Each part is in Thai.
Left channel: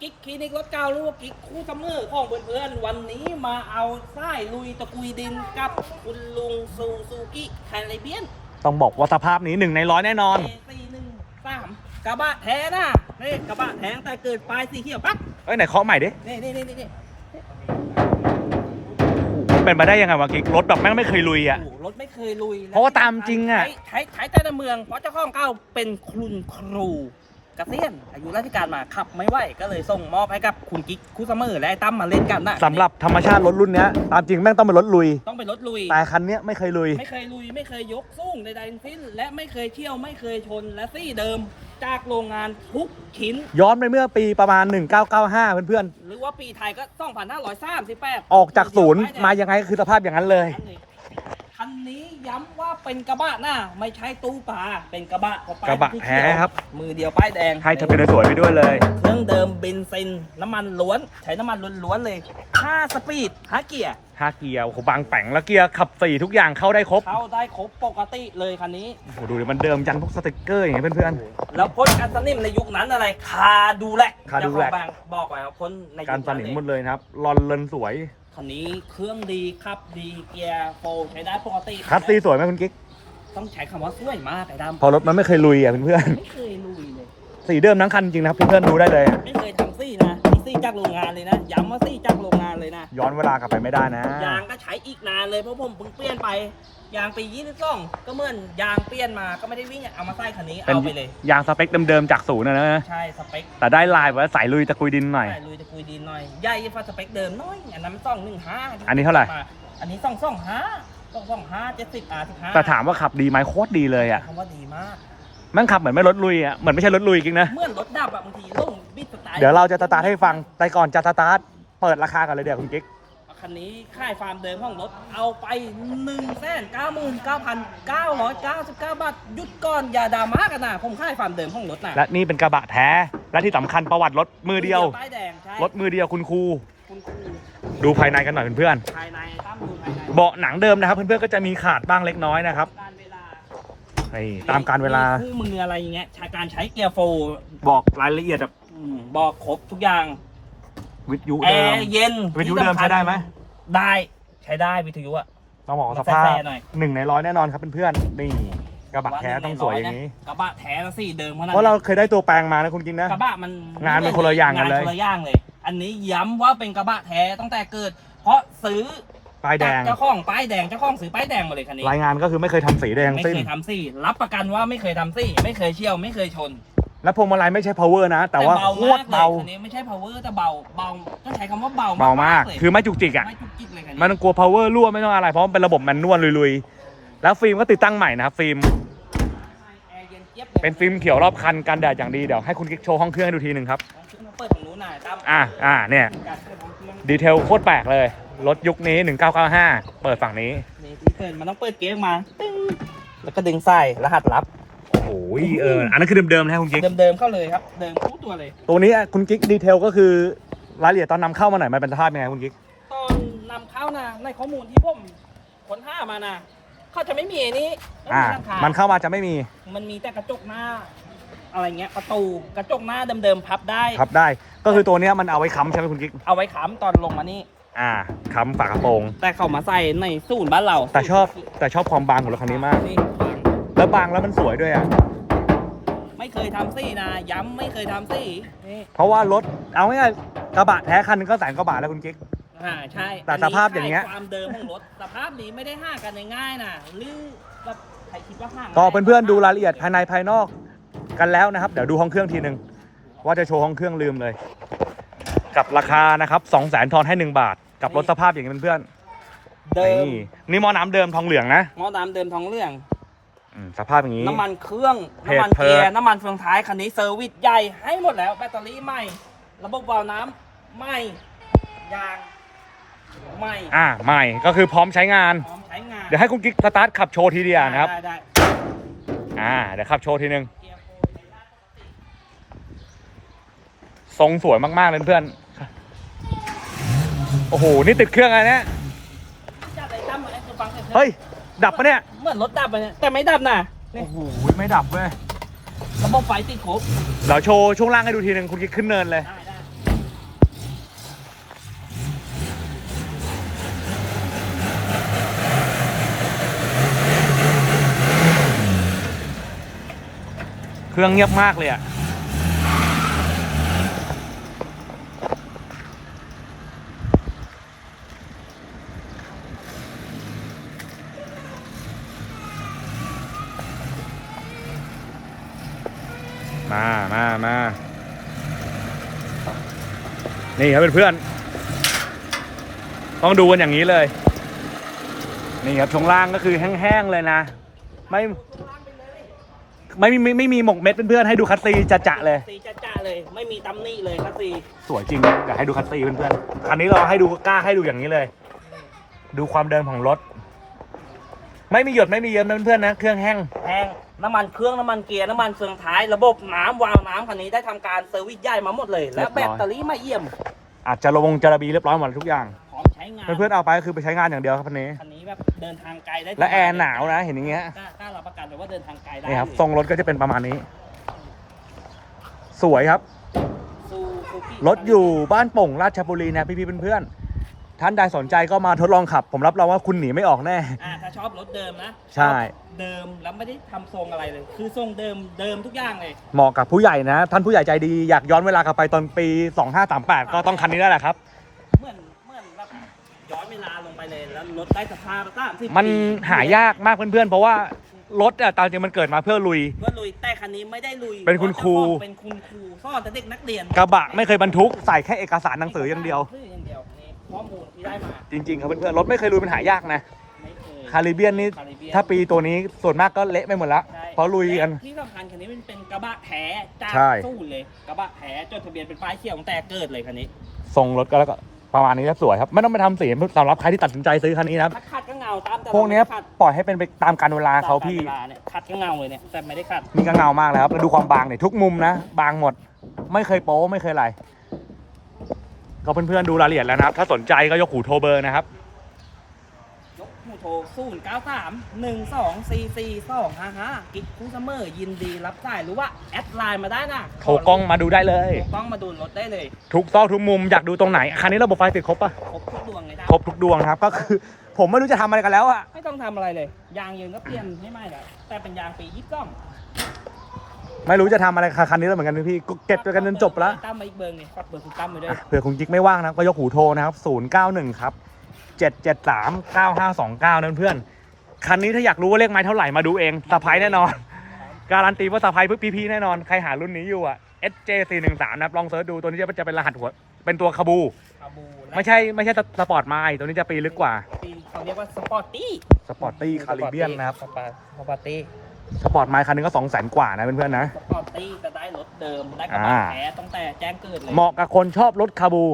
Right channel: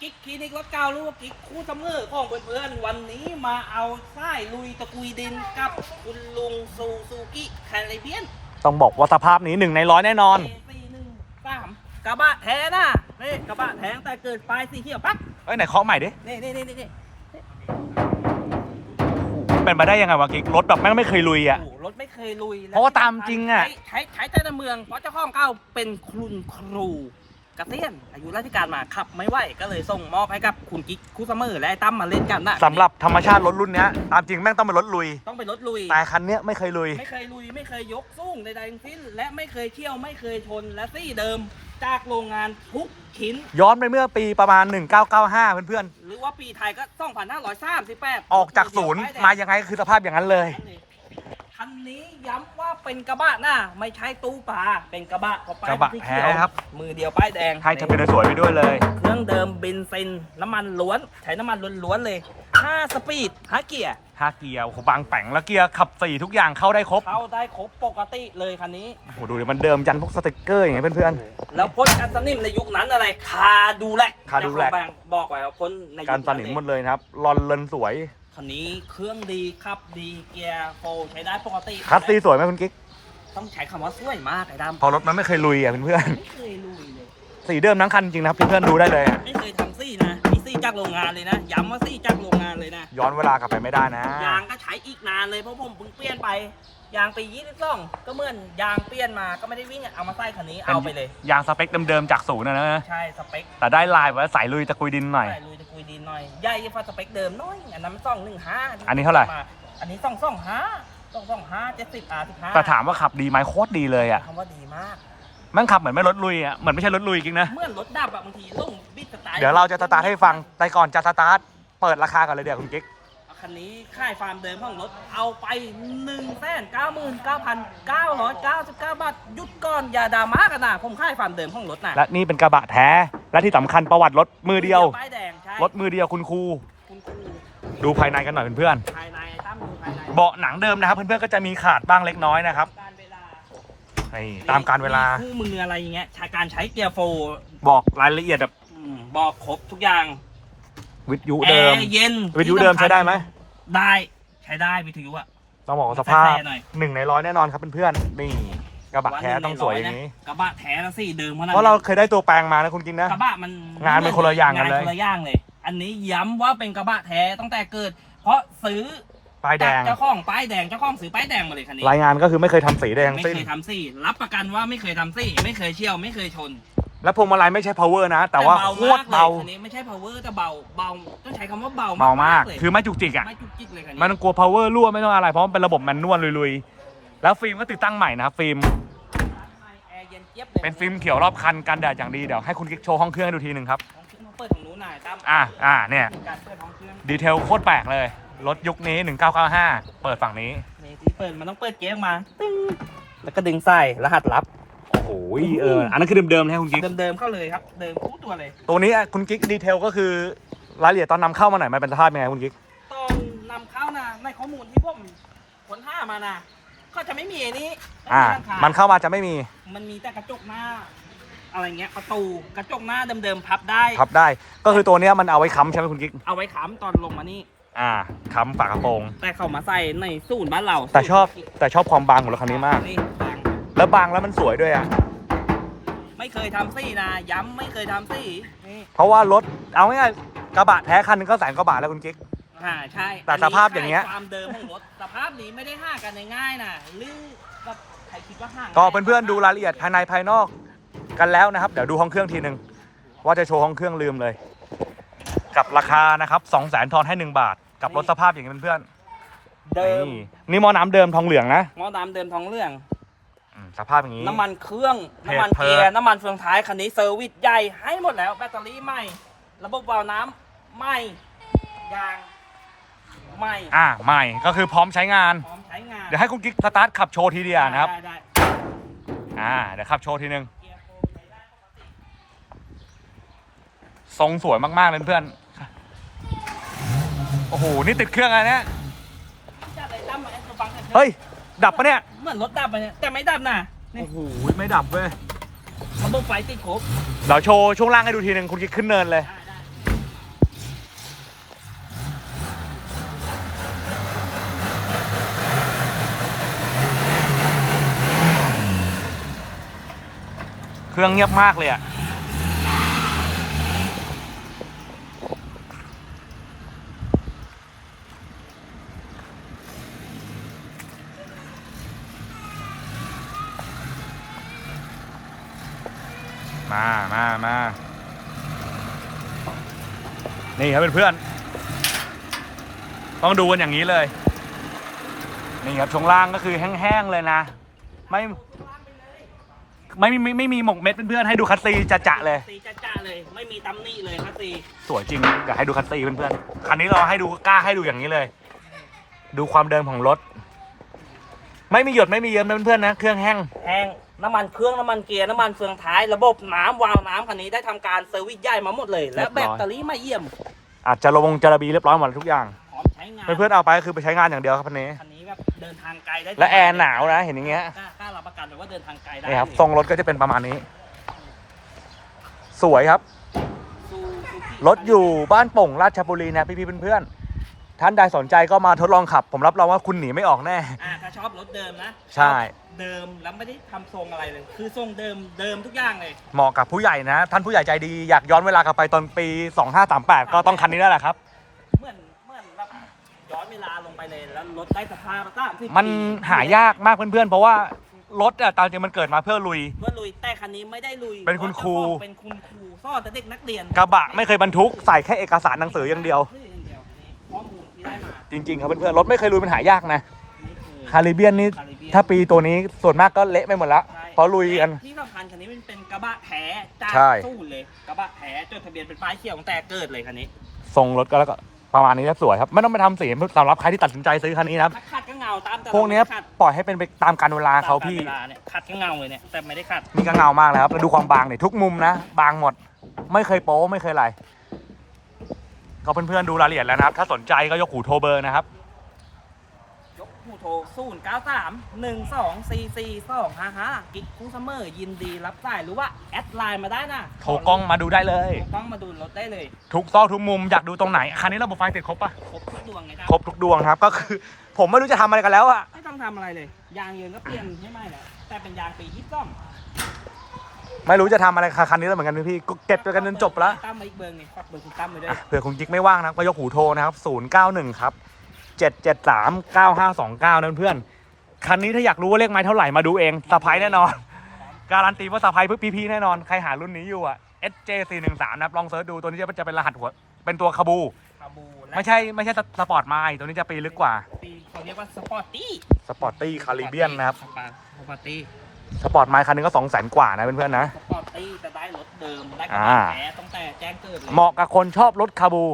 กิ๊กคลินิกรถเก่าหรือว่ากิ๊กคู่ซัมเมอร์ของเพื่อนๆ วันนี้มาเอาไส้ลุยตะกุยดินกับคุณลุงซูซูกิแคริเบียนต้องบอกว่าสภาพนี้หนึ่งในร้อยแน่นอนสี่หนึ่งสามกระบะแท้นะนี่กระบะแท้แต่เกิดปลายสีเขียวปั๊บเอ้ยไหนเคาะใหม่ดิ นี่นี่นี่นี่เป็นไปได้ยังไงวะกิ๊กรถแบบแม่งไม่เคยลุยอะ โอ้โหรถไม่เคยลุยแล้เพราะว่าตามจริงอะ ใช้ใช้ใช้แต่ในเมืองเพราะเจ้าของเก่าเป็นคุณครู เกษียณอายุราชการมาขับไม่ไหวก็เลยส่งมอบให้กับคุณกิ๊กคู่ซัมเมอร์และไอ้ตั้มมาเล่นกันนะสำหรับธรรมชาติรถรุ่นเนี้ยตามจริงแม่งต้องเป็นรถลุย ต้องเป็นรถลุย แต่คันเนี้ยไม่เคยลุย ไม่เคยลุยไม่เคยยกสู้ใดๆทั้งสิ้น และไม่เคยเที่ยวไม่เคยชนและซี่เดิมจากโรงงานทุกชิ้น ย้อนไปเมื่อปีประมาณ 1995 เพื่อนหรือว่าปีไทยก็ 2538 ๆ ออกจากศูนย์มายังไงก็คือสภาพอย่างนั้นเลย คันนี้ย้ำว่าเป็นกระบะหน้าไม่ใช่ตู้ปลาเป็นกระบะเพาป้ายกระบะที่แท้เขียวครับ มือเดียวป้ายแดงให้ทะเบียนสวยไปด้วยเลย เครื่องเดิมเบนซินน้ำมันล้วน ใช้น้ำมันล้วนๆเลย5สปีด5เกียร์ห้าเกียร์โอ้โหบางแป่งแล้วเกียร์ขับสี่ทุกอย่างเข้าได้ครบเข้าได้ครบปกติเลยคันนี้ โอ้โหดูดิมันเดิมยันพวกสติกเกอร์อย่างเงี้ยเพื่อน แล้วพ่นกันสนิมในยุคนั้นอะไรคาดูแลคาดูแลเจ้ของแบรนด์บอกไว้ว่าพ่นในยุค ๆ การสนิมหมดเลยนะครับรอนเลนสวย คันนี้เครื่องดีขับดีเกียร์โฟร์ใช้ได้ปกติคัสซีสวยไหมคุณกิ๊กต้องใช้คำว่าสวยมากไอ้ดำพอรถมันไม่เคยลุยอะเพื่อนไม่เคยลุยเลยๆสีเดิมทั้งคันจริงนะครับเพื่อนๆดูได้เลยอะ ไม่เคยทำซี่นะนี่ซี่จากโรงงานเลยนะย้ำว่าซี่จากโรงงาน เลยนะ ย้อนเวลากลับไปไม่ได้นะ ยางก็ใช้อีกนานเลยเพราะผมเพิ่งเปลี่ยนไป ยางปี22ก็เหมือนยางเปลี่ยนมาก็ไม่ได้วิ่งอะเอามาใส่คันนี้เอาไปเลย ยางสเปคเดิมๆจากศูนย์นะนะ ใช่สเปคแต่ได้ลายไว้ใส่ลุยตะกุยดินหน่อย ใส่ลุยตะกุยดินหน่อยใหญ่ฟ้าสเปคเดิมน้อยอันนั้นมันสองหนึ่งห้าอันนี้เท่าไหร่ อันนี้สองสองห้าสองสองห้าเจ็ดสิบอาร์สิบห้าแต่ถามว่าขับดีไหมโคตรดีเลยอะคำว่าดีมากแมันขับเหมือนไม่รถลุยอะเหมือนไม่ใช่รถลุยจริงนะเมื่อรถดับอะบางทีลงบิดสไตล์เดี๋ยวเราจะสตาร์ทให้ฟังแต่ก่อนจะสตาร์ท เปิดราคากันเลยเดี๋ยวคุณกิ๊กเอาคันนี้ค่ายฟาร์มเดิมของรถเอาไป1นึ่งแสนเก้าหมื่นเก้าพันเก้าร้อยเก้าสิบเก้าบาทหยุดก่อนอย่าดราม่ากันนะผมค่ายฟาร์มเดิมของรถนะและนี่เป็นกระบะแท้ และที่สำคัญประวัติรถมือเดียว ป้ายแดงใช่รถมือเดียวคุณครู คุณครูดูภายในกันหน่อยเพื่อนภายในตั้มดูภายในๆเบาะหนังเดิมนะครับ เพื่อนๆก็จะมีขาดบ้างเล็กน้อยนะครับการเวลานี่ตามการเวลาคู่มืออะไรอย่างเงี้ยใช้การใช้เกียร์โฟร์บอกรายละเอียดแบบ อืมบอกครบทุกอย่าง วิทยุแอเดิม ร์เย็นวิทยุเดิมใช้ได้ไหม ได้ใช้ได้วิทยุอะ ต้องบอกว่าสภาพแฟร์ๆหน่อย หนึ่งในร้อยแน่นอนครับเพื่อนๆนี่กระบะแท้ต้องสวยอย่างนี้ กระบะแท้แล้วสิเดิมขนาดเพราะเราเคยได้ตัวแปลงมานะคุณกิ๊กนะ กระบะมันงานมันคนละอย่างกันเลย งคนละอย่างเลย อันนี้ย้ำว่าเป็นกระบะแท้ตั้งแต่เกิด เพราะซื้อป้ายแดง จากเจ้าของป้ายแดงเจ้าของซื้อป้ายแดงมาเลยคันนี้รายงานก็คือไม่เคยทำสีแดงไม่สิ้น เคยทำซี่รับประกันว่าไม่เคยทำซี่ไม่เคยเชี่ยวไม่เคยชน และพวงมาลัยไม่ใช่ power นะ แต่ว่าโคตรเบาคันนี้ไม่ใช่ power แต่เบาเบาต้องใช้คำว่าเบาเบามากเลยคือไม่จุกจิกอะ ไม่จุกจิกเลยคันนี้มันกลัว power รั่วไม่ต้องอะไร เพราะมันเป็นระบบแมนนวลลุยๆ แล้วฟิล์มก็ติดตั้งใหม่นะครับฟิล์ม แอร์เย็นเจี๊ยบเลยเป็นฟิล์มเขียวรอบคันกันแดดอย่างดี เดี๋ยวให้คุณกิ๊กโชว์ห้องเครื่องให้ดูทีหนึ่งครับ ลองขึ้นมาเปิดตรงนู้นหน่อยตั้มอ่าอ่าเนี่ย การเปิดห้องเครื่องดีเทลโคตรแปลกเลย รถยุคนี้ 1995 เปิดฝั่งนี้ นี่ที่เปิดมันต้องเปิดเกียร์ออกมาตึ้งแล้วก็ดึงใส่รหัสลับ โอ้โหเอออันนั้นคือเดิมๆนะคุณกิ๊กเดิมๆเข้าเลยครับ เดิมคู่ตัวเลย ตัวนี้คุณกิ๊กดีเทลก็คือรายละเอียดตอนนำเข้ามาหน่อยมันเป็นสภาพยังไงคุณกิ๊กตอนนำเข้านะในข้อมูลที่ผมค้นหามานะเขาจะไม่มีไอ้นี้ไม่อ่ามีหลังคามันเข้ามาจะไม่มี มันมีแต่กระจกหน้าอะไรเงี้ยประตูกระจกหน้าเดิมๆพับได้พับได้ ก็คือตัวเนี้ยมันเอาไว้ค้ำใช่ไหมคุณกิ๊กเอาไว้ค้ำตอนลงมานี่อ่าค้ำฝากระโปรงแต่เขามาใส่ในศูนย์บ้านเรา แต่ชอบแต่ชอบความบางของรถคันนี้มากนี่บางแล้วบางแล้วมันสวยด้วยอะ ไม่เคยทำซี่นะ ย้ำไม่เคยทำซี่นี่เพราะว่ารถเอาง่ายๆกระบะแท้คันหนึงก็แสนกว่าบาทแล้วคุณกิ๊ก อ่าใช่แต่สภาพอย่างเงี้ยใช่ความเดิมของรถสภาพนี้ไม่ได้ห่างกันง่ายๆนะหรือแบบใครคิดว่าห่างก็เพื่อนๆดูรายละเอียดภายในภายนอกกันแล้วนะครับ เดี๋ยวดูห้องเครื่องทีหนึ่งว่าจะโชว์ห้องเครื่องลืมเลย กับราคานะครับ2 0 0 0 0 0ทอนให้ 1 บาท กับรถสภาพอย่างนี้เพื่อนๆเดิมนี่นี่หม้อน้ำเดิมทองเหลืองนะ หม้อน้ำเดิมท้องเรื่อง อืมสภาพอย่างนี้ น้ำมันเครื่อง เพจน้ำมันเพิเกีร์ยดร์ น้ำมันเฟืองท้าย คันนี้เซอร์วิสใหญ่ให้หมดแล้ว แบตเตอรี่ใหม่ ระบบวาล์วน้ำใหม่ ยางใหม่ อ่าใหม่ก็คือพร้อมใช้งาน พร้อมใช้งานเดี๋ยวให้คุณกิ๊กสตาร์ทขับโชว์ทีเดียวนะครับ ได้ได้อ่าเดี๋ยวขับโชว์ทีหนึ่งเกียร์โฟร์ใช้ได้ปกติทรงสวยมากๆเลยเพื่อนโอ้โห นี่ติดเครื่องอะไรเนี่ย จับไอ้ตั้มมาให้เขาฟังหน่อยถอะเฮ้ย ดับปะเนี่ย เหมือนรถดับไปเนี่ยแต่ไม่ดับนะโอ้โหไม่ดับเว้ยระบบไฟติดครบเดี๋วโชว์ช่วงล่างให้ดูทีหนึ่งคุณกิ๊ขึ้นเนินเลยเครื่องเงียบมากเลยอะ มามามานี่ครับเพื่อนๆต้องดูกันอย่างนี้เลย นี่ครับช่วงล่างก็คือแห้งๆเลยนะ ไม่ไม่มีไม่ไม่มีหมกเม็ดเพื่อนๆให้ดูคัสซีจะจะๆเลยสีจ้าๆเลย ไม่มีตำหนิเลยครับสีสวยจริงอยากให้ดูคัสซีเพื่อนๆคันนี้เราให้ดูกล้าให้ดูอย่างนี้เลย ดูความเดิมของรถ ไม่มีหยดไม่มีเยิ้มนะเพื่อนๆนะ เครื่องแห้ง แห้งน้ำมันเครื่องน้ำมันเกียร์น้ำมันเฟืองท้ายระบบน้ำวาล์วน้ำคันนี้ได้ทำการเซอร์วิสใหญ่มาหมดเลย และแบตเตอรี่มาเยี่ยมอาจจะระวงจระบีเรียบร้อยหมดทุกอย่าง พร้อมใช้งานเพื่อนๆเอาไปก็คือไปใช้งานอย่างเดียวครับคันนี้ คันนี้แบบเดินทางไกลได้และแอร์หนาวนะเห็นอย่างเงี้ย กล้ากล้ารับประกันเลยว่าเดินทางไกลได้นี่ครับทรงรถก็จะเป็นประมาณนี้ สวยครับซูซูกิรถอยู่บ้านโป่งราชบุรีนะพี่ๆเพื่อนๆ ท่านใดสนใจก็มาทดลองขับ ผมรับรองว่าคุณหนีไม่ออกแน่ อ่าถ้าชอบรถเดิมนะใช่ชอบเดิมแล้วไม่ได้ทำทรงอะไรเลย คือทรงเดิมเดิมทุกอย่างเลยเหมาะกับผู้ใหญ่นะ ท่านผู้ใหญ่ใจดีอยากย้อนเวลากลับไปตอนปี 2538 ก็ต้องคันนี้นั่นแหละครับ เหมือนเหมือนแบบย้อนเวลาลงไปเลยแล้วรถได้สภาพสามสิบมันหายากมากเพื่อนๆ เพราะว่ารถอะตามจริงมันเกิดมาเพื่อลุย เพื่อลุยแต่คันนี้ไม่ได้ลุยเป็นคุณครูเป็นคุณครูสอนแต่เด็กนักเรียนกระบะไม่เคยบรรทุกใส่แค่เอกสารหนังสืออย่างเดียวเข้อมูลที่ได้มาจริง ๆ ครับเพื่อนๆรถไม่เคยลุยมันหายากนะไม่เคย คาริเบียนนี่คาริเบียนถ้าปีตัวนี้ส่วนมากก็เละไปหมดแล้วใช่เพราะลุยกัน และที่สำคัญคันนี้มันเป็นกระบะแท้จากใช่ สู้เลยกระบะแท้จดทะเบียนเป็นป้ายเขียวตั้งแต่เกิดเลยคันนี้ทรงรถก็แล้วก็ประมาณนี้ก็สวยครับ ไม่ต้องไปทำสีสำหรับใครที่ตัดสินใจซื้อคันนี้นะครับ ถ้าขัดก็เงาตามแต่พวกเนี้ยขัดปล่อยให้เป็นไปตามการเวลาเขาพี่ ตมกลเนี่ยขัดก็เงาเลยเนี่ยแต่ไม่ได้ขัดนี่ก็เงามากแล้วครับแล้วดูความบางเนี่ยทุกมุมนะ บางหมด ไม่เคยโป๊ไม่เคยอะไร ก็เพื่อนๆดูรายละเอียดแล้วนะครับ ถ้าสนใจก็ยกหูโทรเบอร์นะครับ ยกหูโทรศูนย์เก้าสามหนึ่งสองสี่สี่สองห้าห้ากิ๊กคูซัมเมอร์ยินดีรับสายหรือว่า แอดไลน์มาได้นะโทรกล้องมาดูได้เลย โทรกล้องมาดูรถได้เลย ทุกซอกทุกมุมอยากดูตรงไหน คันนี้ระบบไฟติดครบปะครบทุกดวงเลยนะครบทุกดวงครับ ก็คือ ผมไม่รู้จะทำอะไรกันแล้วอะไม่ต้องทำอะไรเลย ยางเย็นก็เปลี่ยนให้ไหมแล้วแต่เป็นยางปียี่สิบสอง ไม่รู้จะทำอะไรกับคันนี้แล้วเหมือนกันพี่ก็เก็บไปกันจนจบละตั้มมาอีกเบอร์นี่ฝากเบอร์คุณตั้มไปด้วย อะเผื่อคุณกิ๊กไม่ว่างนะครับก็ยกหูโทรนะครับ 091 ครับ 773 9529 นั่นเพื่อน คันนี้ถ้าอยากรู้ว่าเลขไม้เท่าไหร่มาดูเองสะพายแน่นอน การันตีว่าสะพายเพื่อพี่ๆแน่นอน ใครหารุ่นนี้อยู่อะ SJ413 นะครับลองเซิร์ชดูตัวนี้จะจะเป็นรหัสหัวเป็นตัวคาบู คาบูและไม่ใช่ไม่ใช่สปอร์ตไมล์ตัวนี้จะปีลึกกว่าปีเขาเรียกว่าสปอร์ตตี้สปอร์ตตี้คาริเบียนนะครับ สปอร์ตสปอร์ตตี้ สปอร์ตไมล์คันนึงก็2 0 0 0 0กว่านะเพื่อนๆนะ สปอร์ตตี้จะได้รถเดิมได้กระอ่าบะแท้ตั้งแต่แจ้งเกิดเลยเหมาะกับคนชอบรถคาบู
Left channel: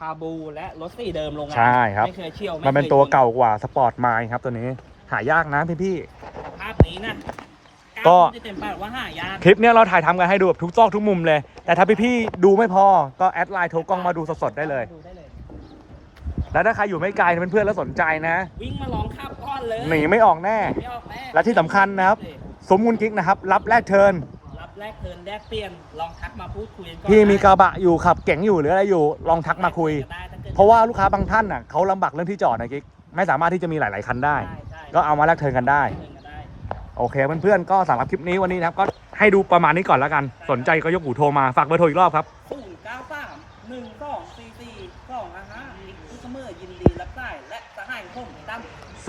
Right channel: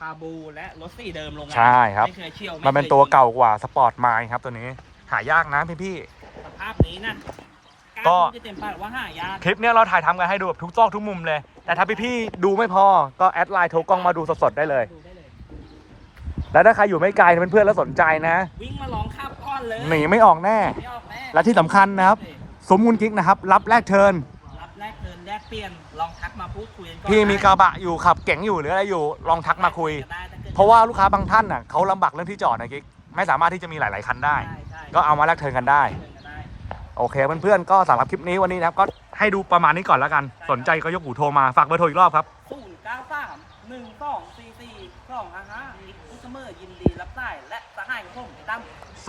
คาบูและรถสีเดิมโรงงานใช่ครับ ไม่เคยเชี่ยวมันเป็นไคยตัวเก่ากว่าสปอร์ตไมล์ครับตัวนี้ หายากนะพี่ๆสภาพนี้นะก็ล้าพูดจะเต็มปากว่าหายากคลิปเนี้ยเราถ่ายทำกันให้ดูแบบทุกซอกทุกมุมเลย แต่ถ้าพี่ๆดูไม่พอก็แอดไลน์โทรกล้องมาดูสดๆได้เลย ดูได้เลย แล้วถ้าใครอยู่ไม่ไกลเพื่อนๆแล้วสนใจนะวิ่งมาลองขับก่อนเลยหนีไม่ออกแน่ ไม่ออกแน่และที่สำคัญนะครับ สมมุนกิ๊กนะครับ รับแลกเทิร์นรับแลกเทิร์นแลกเปลี่ยนลองทักมาพูดคุยกันก่อนพี่มีกระบะอยู่ขับเก๋งอยู่หรืออะไรอยู่ลองทักมาคุย ได้ถ้กิดเพราะว่าลูกค้าบางท่านน่ะเขาลำบากเรื่องที่จอดนะกิ๊กไม่สามารถที่จะมีหลาย ๆ คันได้ ใช่ใช่ก็เอามาแลกเทิร์นกันได้ เทิร์นกันได้ โอเคเพื่อนๆก็สำหรับคลิปนี้วันนี้นะครับก็ให้ดูประมาณนี้ก่อนแล้วกัน สนใจก็ยกหูโทรมาฝากเบอร์โทรอีกรอบครับ ศูนย์เก้าสามหนึ่งสองสี่สี่สองห้าห้าอีกคุสเมอร์ยินดีรับได้และสหายของผมตั้ม 091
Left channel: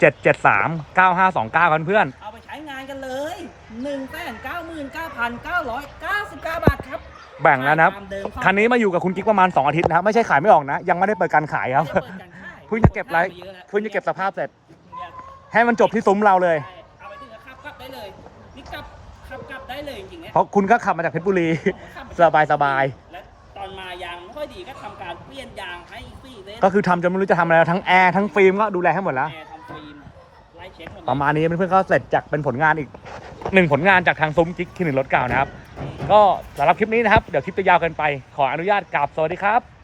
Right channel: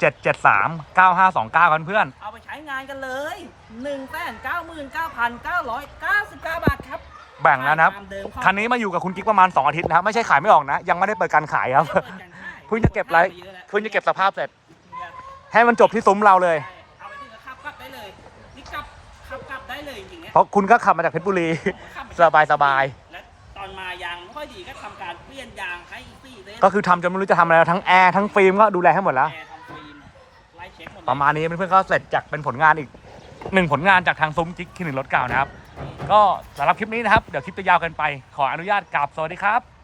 773 9529กันเพื่อนเอาไปใช้งานกันเลยหนึ่งแสนเก้าหมื่นเก้าพันเก้าร้อยเก้าสิบเก้าบาทครับแบ่งแล้วนะครับ ตามเดิมของคันนี้มาอยู่กับคุณกิ๊กประมาณ 2 อาทิตย์นะครับ ไม่ใช่ขายไม่ออกนะ ยังไม่ได้เปิดการขายครับไม่ได้เปิดการขายเพิ่งจะเก็บไรเยอะแล้วเพิ่งจะเก็บสภาพเสร็จเนี่ยให้มันจบที่ซุ้มเราเลยใช่เอาไปถึงก็ขับกลับได้เลยนี่กลับขับกลับได้เลยจริงๆเนี่ยเพราะคุณก็ขับมาจากเพชรบุรีผมขับไปสบายสบายและต อนมายางไม่ค่อยดีก็ทำการเปลี่ยนยางให้ฟรีเลยก็คือทำจนไม่รู้จะทำอะไรแล้วทั้งแอร์ทั้งฟิล์มก็ดูแลให้หมดแล้ว แอร์ทำฟิล์มไล่เช็คหมดเลยประมาณนี้เพื่อนๆก็เสร็จจากเป็นผลงานอีกหนึ่งผลงานจากทางซุ้มกิ๊กที่หนึ่งรถเก่านะครับ ก็สำหรับคลิปนี้นะครับ เดี๋ยวคลิปจะยาวเกินไป ขออนุญาตกราบสวัสดีครับ